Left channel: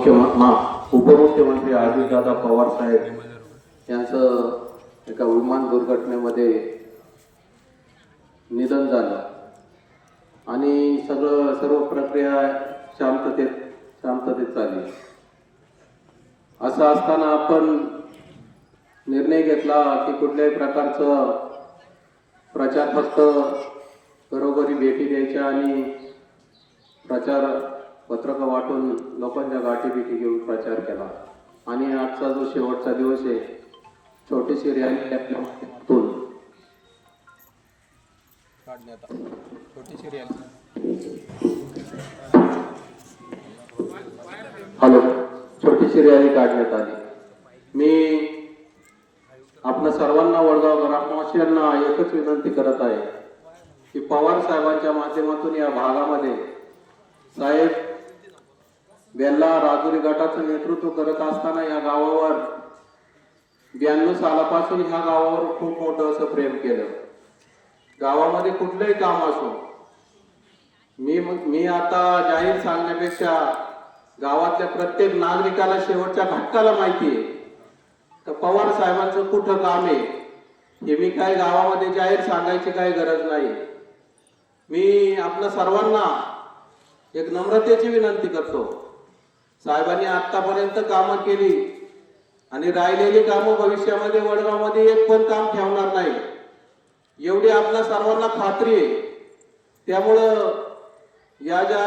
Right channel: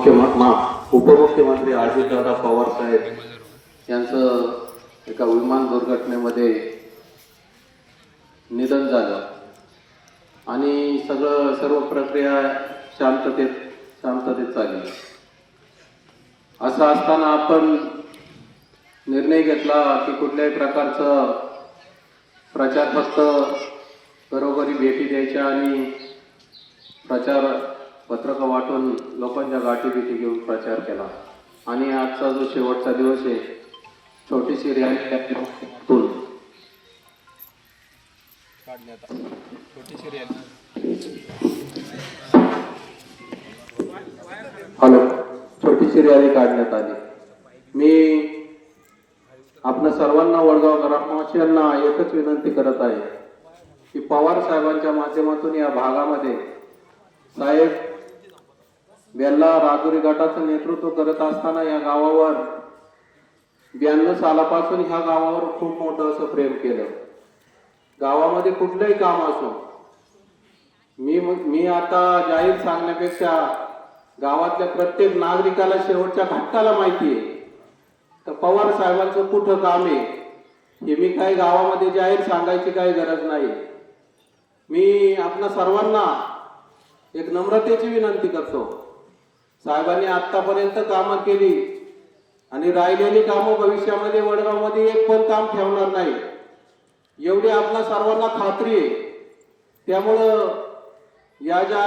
उपमुख्यमंत्री अजितदादा पवार साहेब यांचं एका विमान दुर्घटनेमध्ये निधन झालं आणि सर्व प्रक्रिया शांततेत चालली. असं असताना आपण निर्णय घेतला की कुठल्याही प्रकारचं प्रचार फक्त घरोघरी भेटी द्यायच्या आणि प्रचार पत्रकं वाटून लोकांच्या गाठीभेटी घेऊन प्रचार केला. आणि आजचा जो शेवटचा दिवस आहे, छोटीशी रॅली छोटीशी रॅली काढण्यात आली. मी आपल्या सर्वांना वडगाव ग्रामवासियांना एकच विनंती करत आहे की पवार साहेबांच्या माध्यमातून या भागामध्ये साहेब बेल्ला राजुरी गटाचं नेतृत्व करत असताना या गावावर 92 सालापासून ह्या गावावर खूप मोठं असं प्रेम केलं. गावामध्ये कुठलंही काम असो, मी आता जाहीर सांगण्यापेक्षा गावातल्या प्रत्येक नागरिकाला शेवटच्या घटकाला माहिती आहे तर पवार साहेबांचं कुठं काम आहे हे मी काही गावामध्ये जाहीर सांगायची काही गरज नाही. मी आपल्या सर्वांना एक नम्रतेची विनंती करतो. साहेबांनी आतापर्यंत कामं केली आणि राहिलेली कामं भविष्यामध्ये वडगावमध्ये एक पण काम ठेवणार नाही एवढी आपल्या सर्वांना खात्री आहे. त्यामुळं या ज्या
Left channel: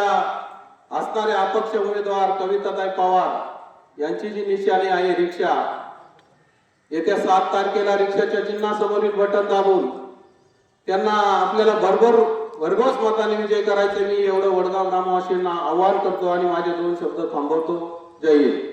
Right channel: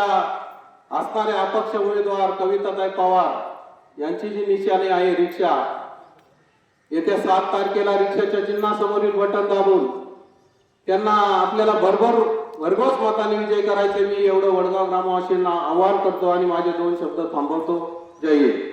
असणाऱ्या अपक्ष उमेदवार कविताताई पवार यांची जी निशाणी आहे रिक्षा, येत्या 7 तारखेला रिक्षाच्या चिन्हासमोरील बटन दाबून त्यांना आपल्याला भरघोस मताने विजय करायचे मी एवढं वडगाव ग्रामवासीयांना आवाहन करतो आणि माझे 2 शब्द थांबवतो. जय हिंद.